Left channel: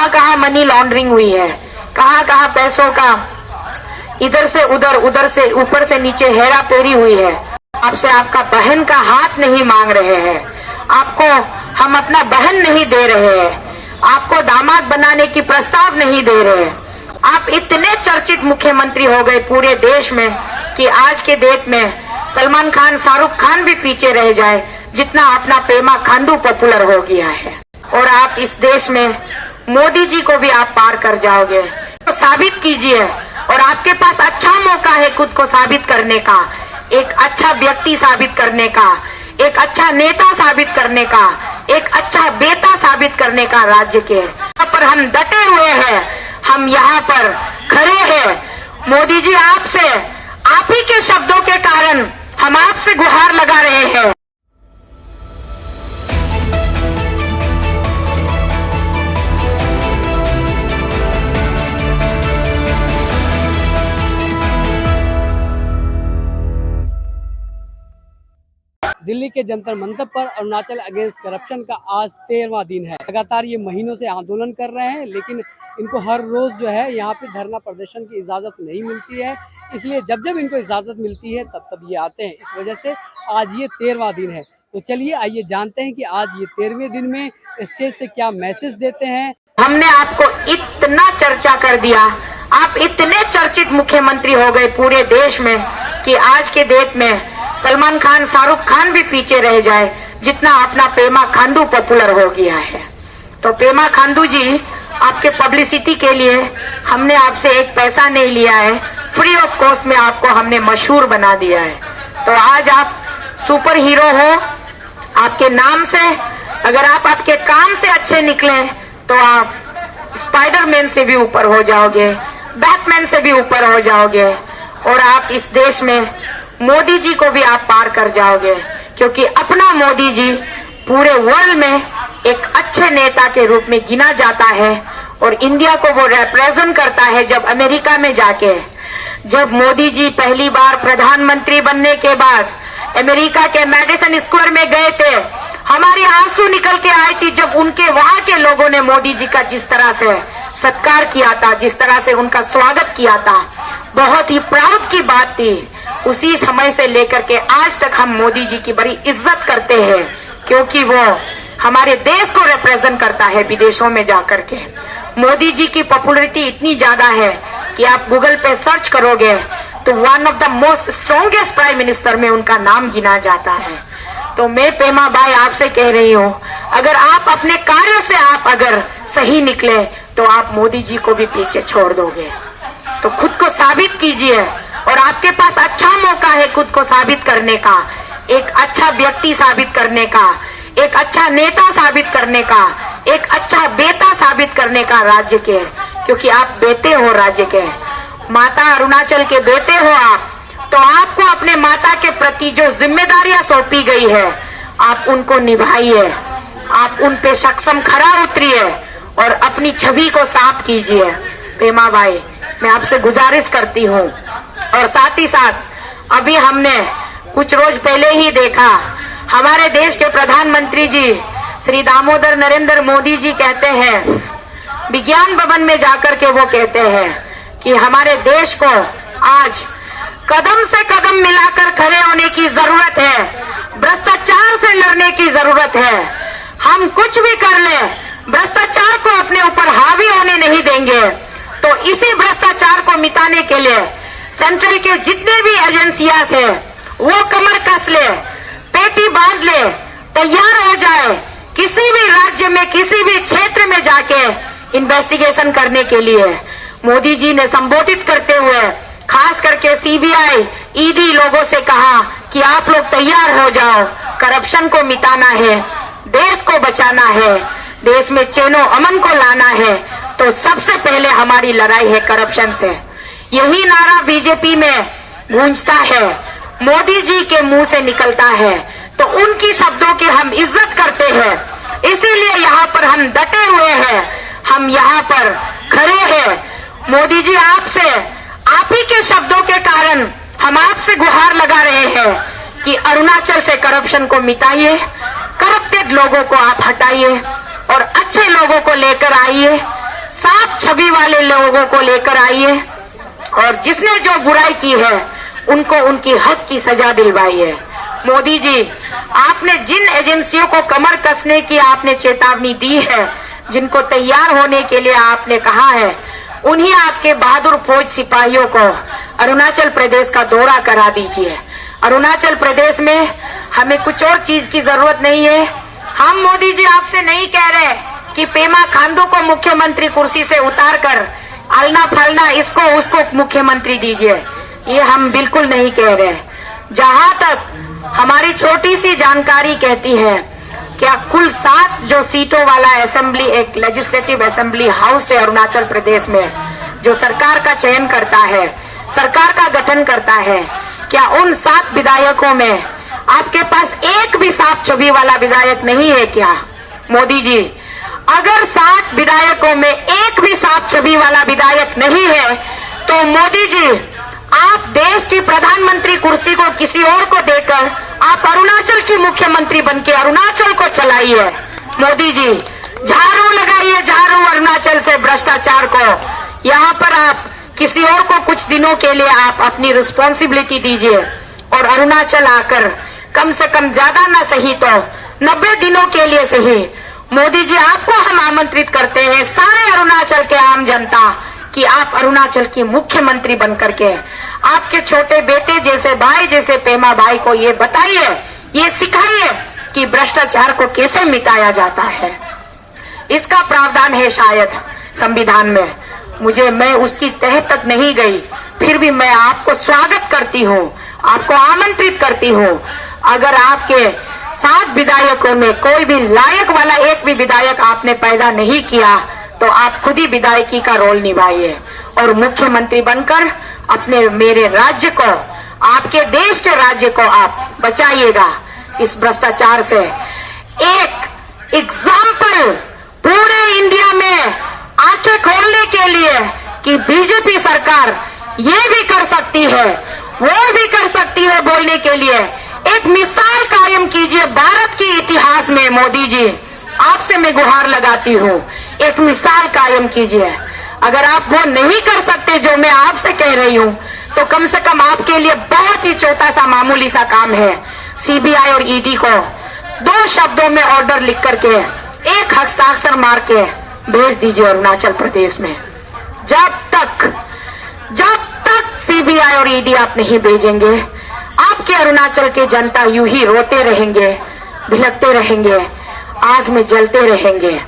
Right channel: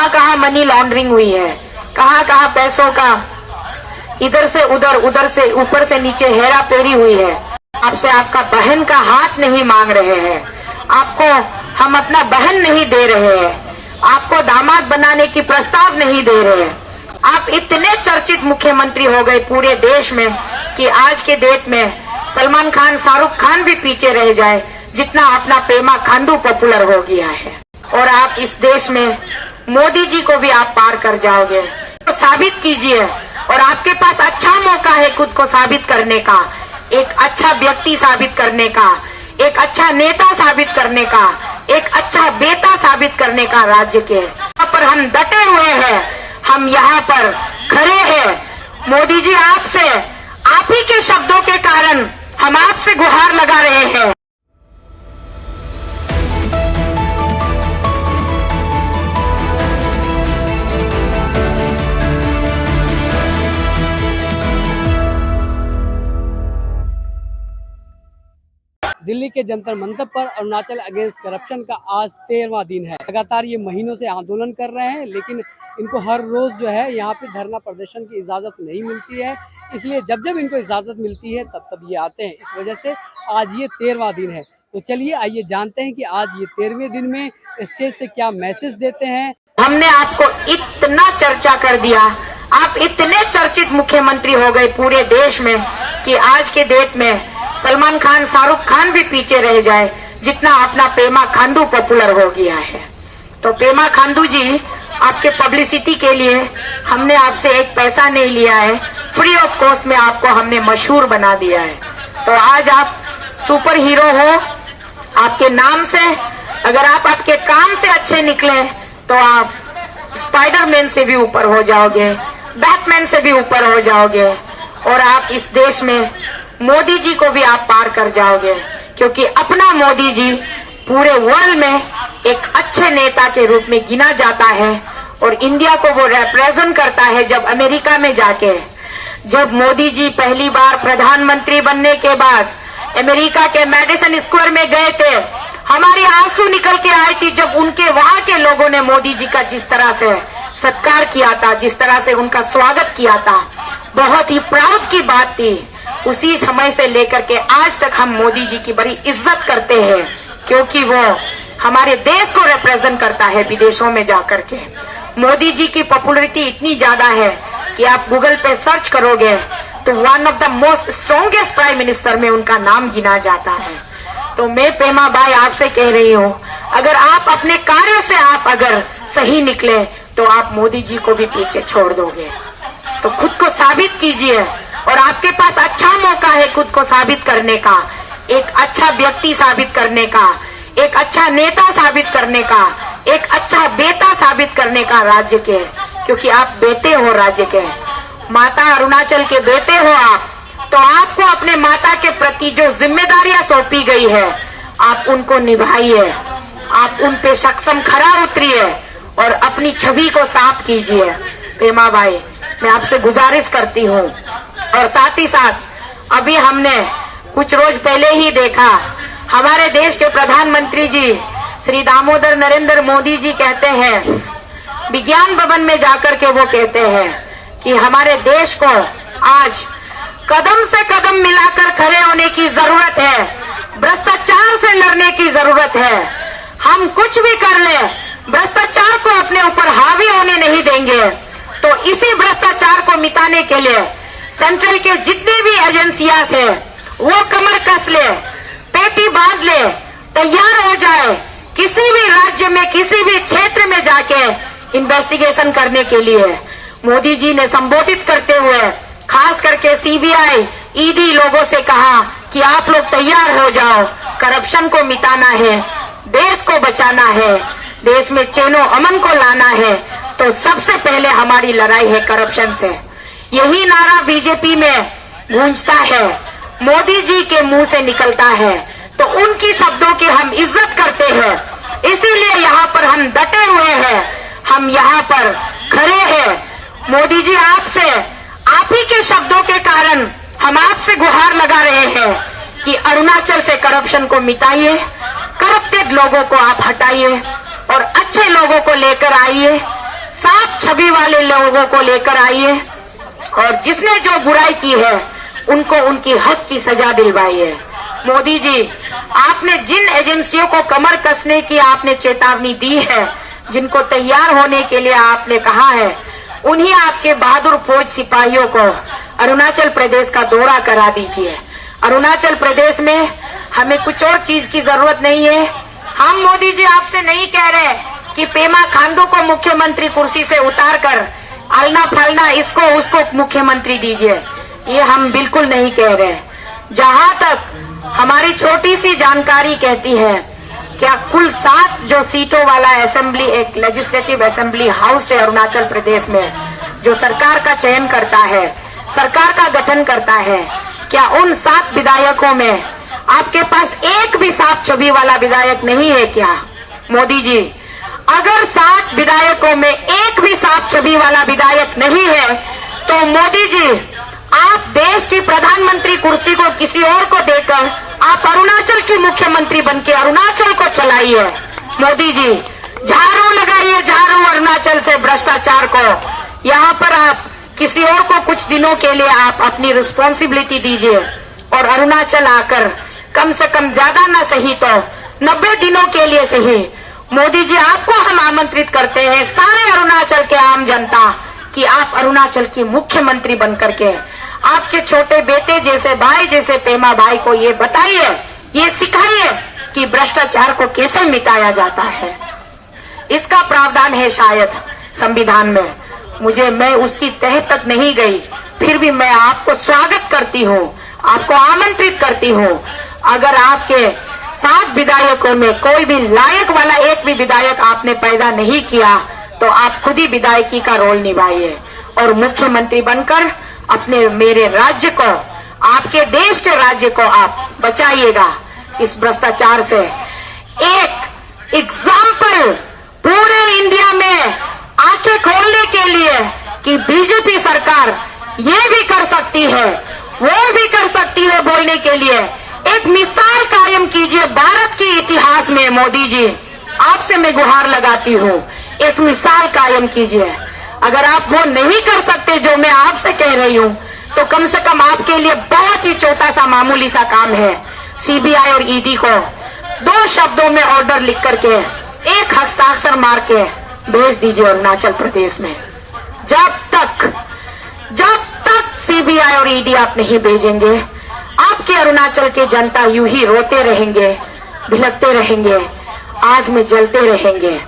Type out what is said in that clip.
कहाँ कहाँ money laundering हुई है, कहाँ कहाँ पैसों का इधर से उधर, उधर से ऊपर से नीचे हेरा फेरी हुई है। आपसे आपका बहन का हाथ नहीं मांग रहे हैं, आपको हम अपना बहन नहीं दे रहे हैं, आपको दामाद बनाने की प्रस्ताव नहीं दे रहे हैं। आप इतने चर्चित मुख्यमंत्री हो गए पूरे देश में कि आज के डेट में सलमान खान, शाहरुख खान भी पीछे रह जाए, जितना अपना पेमा खांडू पॉपुलर हो गया है। और आप इस देश में मोदी जी को भी आप पार कर जाओगे। तो साबित कीजिए, और आपके पास अच्छा मौका है खुद को साबित करने का, एक अच्छा व्यक्ति साबित करने का, एक अच्छा नेता साबित करने का, एक अच्छा बेटा साबित करने का राज्य के। यहाँ पर हम डटे हुए हैं, हम यहाँ पर खड़े हैं। मोदी जी आपसे, आप ही के शब्दों के कारण हम आपसे गुहार लगा रहे हैं। दिल्ली के जंतर मंतर पर अरुणाचल अगेंस्ट करप्शन का आज 13वां दिन है। लगातार ये महीनों से आंदोलन कर रहे हैं, लेकिन इनको हर रोज जो है यहाँ पे धरना प्रदर्शन की इजाज़त नहीं मिलती है। इसलिए जब जब इनको इजाज़त मिलती है तब तब ये आते हैं। इस वजह से आज ये 13वां दिन है। तो चलिए आइए जानते हैं कि आज ये 13वें दिन में स्टेज से क्या मैसेज देते हैं। हमने आपको इतना चर्चा कर दिया, आप इतने चर्चित मुख्यमंत्री हो गए पूरे देश में कि आज के डेट में सलमान खान, शाहरुख खान भी पीछे रह जाए, जितना अपना पेमा खांडू पॉपुलर हो गया है। तो पेमा खांडू जी, आपके पब्लिसिटी के लिए हमने आपसे एक पैसा नहीं लिया है, फ्री ऑफ कॉस्ट में आपको हमने मशहूर बना दिया है। तो आज आप सुपर हीरो हो आपके नाम से। अगर आप आपके काम से अच्छे निकले तो आप स्पाइडरमैन से भी ऊपर हो जाओगे, बैटमैन से भी ऊपर हो जाओगे, और आप इस देश में मोदी जी को भी आप पार कर जाओगे। क्योंकि अपना मोदी जी पूरे वर्ल्ड में एक अच्छे नेता के रूप में गिना जाता है, और इंडिया को वो रिप्रेजेंट करता है। जब अमेरिका में जाके, जब मोदी जी पहली बार प्रधानमंत्री बनने के बाद अमेरिका के मैडिसन स्क्वायर में गए थे, हमारे आंसू निकल के आए थी जब उनके वहां के लोगों ने मोदी जी का जिस तरह से सत्कार किया था, जिस तरह से उनका स्वागत किया था, बहुत ही प्राउड की बात थी। उसी समय से लेकर के आज तक हम मोदी जी की बड़ी इज्जत करते हैं, क्योंकि वो हमारे देश को रिप्रेजेंट करता है विदेशों में जाकर के। मोदी जी की पॉपुलैरिटी इतनी ज्यादा है कि आप गूगल पे सर्च करोगे तो one of the most strongest prime minister में उनका नाम गिना जाता है। तो मैं पेमा भाई आपसे कह रही हूँ, अगर आप अपने कार्य से आप अगर सही निकले तो आप मोदी जी को भी पीछे छोड़ दोगे। तो खुद को साबित कीजिए, और आपके पास अच्छा मौका है खुद को साबित करने का, एक अच्छा व्यक्ति साबित करने का, एक अच्छा नेता साबित करने का, एक अच्छा बेटा साबित करने का राज्य के। क्योंकि आप बेटे हो राज्य के, माता अरुणाचल के बेटे हो आप। तो आपको अपने माता के प्रति जो जिम्मेदारियां सौंपी गई है, आप उनको निभाइए, आप उन पे सक्षम खरा उतरिए और अपनी छवि को साफ कीजिए। पेमा भाई, मैं आपसे गुजारिश करती हूँ। और साथ ही साथ अभी हमने कुछ रोज पहले ही देखा, हमारे देश के प्रधानमंत्री जी श्री दामोदर नरेंद्र मोदी जी कहते हैं, विज्ञान भवन में जाकर के वो कहते हैं कि हमारे देश को आज कदम से कदम मिलाकर खड़े होने की जरूरत है, भ्रष्टाचार से लड़ने की जरूरत है। हम कुछ भी कर ले, भ्रष्टाचार को अपने ऊपर हावी होने नहीं देंगे। तो इसी भ्रष्टाचार को मिटाने के लिए सेंट्रल के जितने भी एजेंसियां हैं वो कमर कस ले, पेटी बांध ले, तैयार हो जाए किसी भी राज्य में, किसी भी क्षेत्र में जाके इन्वेस्टिगेशन करने के लिए। मोदी जी ने संबोधित करते हुए खास करके सीबीआई, ईडी लोगों से कहा कि आप लोग तैयार हो जाओ, करप्शन को मिटाना है, देश को बचाना है, देश में चैनो अमन को लाना है। तो सबसे पहले हमारी लड़ाई है करप्शन से। यही नारा बीजेपी में गूंजता है, मोदी जी के मुंह से निकलता है, तो उनकी शब्दों की हम इज्जत करते हैं। इसीलिए यहाँ पर हम डटे हुए हैं, हम यहाँ पर खड़े हैं। मोदी जी आपसे, आप ही के शब्दों के कारण हम आपसे गुहार लगा रहे हैं कि अरुणाचल से करप्शन को मिटाइए, करप्टेड लोगों को आप हटाइए और अच्छे लोगों को लेकर आइए। छवि वाले लोगों को लेकर आइए और जिसने जो बुराई की है उनको उनकी हक की सजा दिलवाई है। मोदी जी, आपने जिन एजेंसियों को कमर कसने की आपने चेतावनी दी है, जिनको तैयार होने के लिए आपने कहा है, उन्हीं आपके बहादुर फौज सिपाहियों को अरुणाचल प्रदेश का दौरा करा दीजिए। अरुणाचल प्रदेश में हमें कुछ और चीज की जरूरत नहीं है। हम मोदी जी आपसे नहीं कह रहे कि पेमा खांडू को मुख्यमंत्री कुर्सी से उतारकर आलना फलना इसको उसको मुख्यमंत्री दीजिए, ये हम बिल्कुल नहीं कह रहे। जहां तक हमारी छोटी सी जानकारी कहती है, क्या कुल 7 जो सीटों वाला असेंबली, एक लेजिस्लेटिव असेंबली हाउस है अरुणाचल प्रदेश में, जो सरकार का चयन करता है, सरकार का गठन करता है, क्या उन 7 विधायकों में आपके पास एक भी साफ छवि वाला विधायक नहीं है क्या? मोदी जी, अगर 7 विधायकों में एक भी साफ छवि वाला विधायक नहीं है तो मोदी जी, आप देश की प्रधानमंत्री कुर्सी को किसी और को देकर आप अरुणाचल की मुख्यमंत्री बनके अरुणाचल को चलाइए। मोदी जी, झाड़ू लगाइए, झाड़ू अरुणाचल से भ्रष्टाचार को। यहाँ पर आप किसी और को कुछ दिनों के लिए आप अपनी रिस्पॉन्सिबिलिटी दीजिए और अरुणाचल आकर कम से कम ज्यादा ना सही तो 90 दिनों के लिए सही, मोदी जी आपको हम आमंत्रित करते हैं, सारे अरुणाचल के आम जनता, कि आप अरुणाचल की मुख्यमंत्री बनकर के आपके छोटे बेटे जैसे भाई जैसे पेमा भाई को ये बताइए, ये सिखाइए कि भ्रष्टाचार को कैसे मिटाया जाता है। इसका प्रावधान है शायद संविधान में, मैं उसकी तह तक नहीं गई, फिर भी मैं आपको स्वागत करती हूँ, आपको आमंत्रित करती हूँ। अगर आपके 7 विधायकों में कोई भी लायक वाला एक भी विधायक आपने पैदा नहीं किया तो आप खुद ही विधायकी का रोल निभाइए और मुख्यमंत्री बनकर अपने मेरे राज्य को, आपके देश के राज्य को आप बचाइएगा इस भ्रष्टाचार से। एक एग्जाम्पल पूरे इंडिया में आंखें खोलने के लिए कि बीजेपी सरकार ये भी कर सकती है, वो भी कर सकती है, बोलने के लिए एक मिसाल कायम कीजिए भारत के इतिहास में। मोदी जी, आपसे मैं गुहार लगाती हूँ, एक मिसाल कायम कीजिए। अगर आप वो नहीं कर सकते जो मैं आपसे कह रही हूँ, तो कम से कम आपके लिए बहुत ही छोटा सा मामूली सा काम है, सीबीआई और ईडी को 2 शब्दों में ऑर्डर लिख करके एक हस्ताक्षर मार के भेज दीजिए अरुणाचल प्रदेश में। जब तक सीबीआई और ईडी आप नहीं भेजेंगे, आपके अरुणाचल के जनता यूं ही रोते रहेंगे, भिलकते रहेंगे, आग में जलते रहेंगे।